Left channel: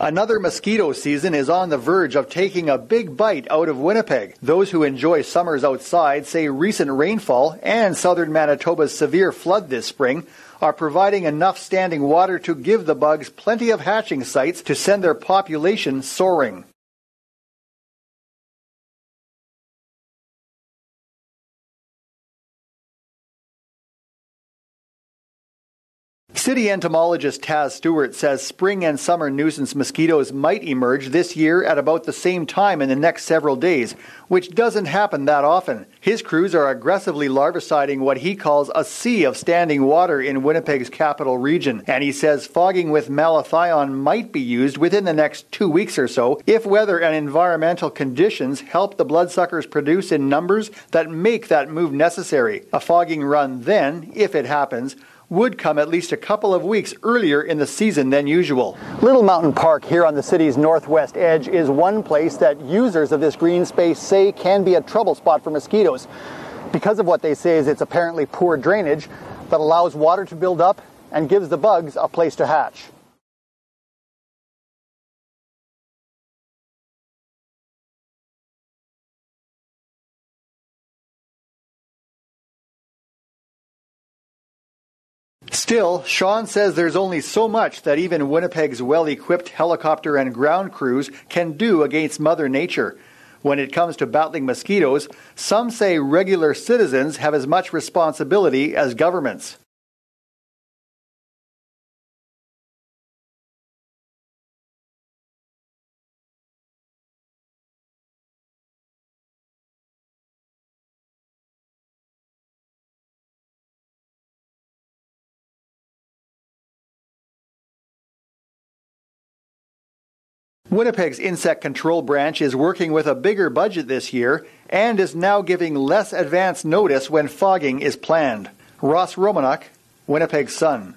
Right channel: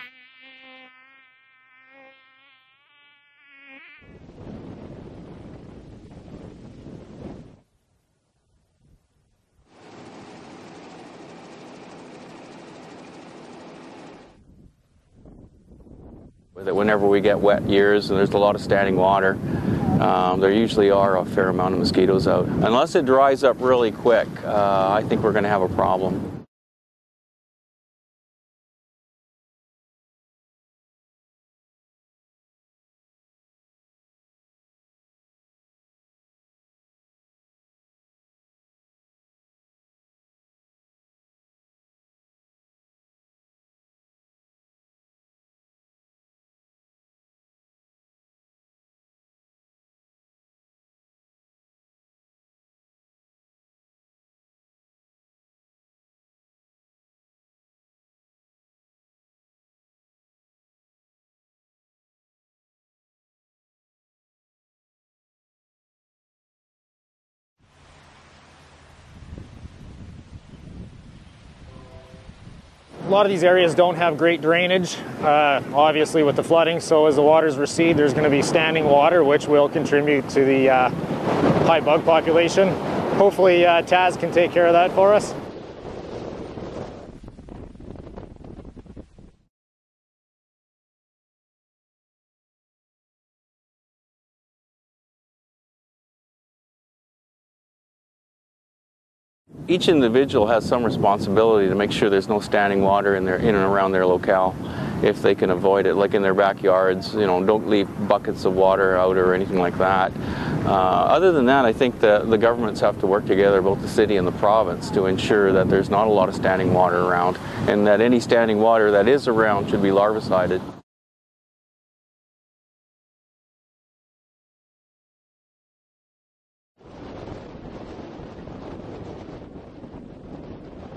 Another mosquito season is on the verge of taking a big bite out of Winnipeg. Those who enjoy summers outside say recent rainfall and southern Manitoba's severe flood this spring are providing enough standing water to give the bugs plenty of hatching sites to send their population soaring. Whenever we get wet years and there's a lot of standing water, there usually are a fair amount of mosquitoes out. Unless it dries up really quick, I think we're going to have a problem. City entomologist Taz Stewart says spring and summer nuisance mosquitoes might emerge this year at about the same time in the next several days, which doesn't happen that often. His crews are aggressively larviciding what he calls a sea of standing water in Winnipeg's capital region, and he says fogging with malathion might be used within the next 2 weeks or so if weather and environmental conditions help the bloodsuckers produce in numbers that make that move necessary. A fogging run then, if it happens, would come at least a couple of weeks earlier in the season than usual. Little Mountain Park here on the city's northwest edge is one place that users of this green space say can be a trouble spot for mosquitoes because of what they say is its apparently poor drainage that allows water to build up and gives the bugs a place to hatch. A lot of these areas don't have great drainage, obviously with the flooding, so as the waters recede there's going to be standing water which will contribute to the high bug population. Hopefully Taz can take care of that for us. Still, Sean says there's only so much that even Winnipeg's well-equipped helicopter and ground crews can do against Mother Nature. When it comes to battling mosquitoes, some say regular citizens have as much responsibility as governments. Each individual has some responsibility to make sure there's no standing water in and around their locale. If they can avoid it, like in their backyards, don't leave buckets of water out or anything like that. Other than that, I think the governments have to work together, both the city and the province, to ensure that there's not a lot of standing water around and that any standing water that is around should be larvicided. Winnipeg's insect control branch is working with a bigger budget this year and is now giving less advance notice when fogging is planned. Ross Romanuk, Winnipeg Sun.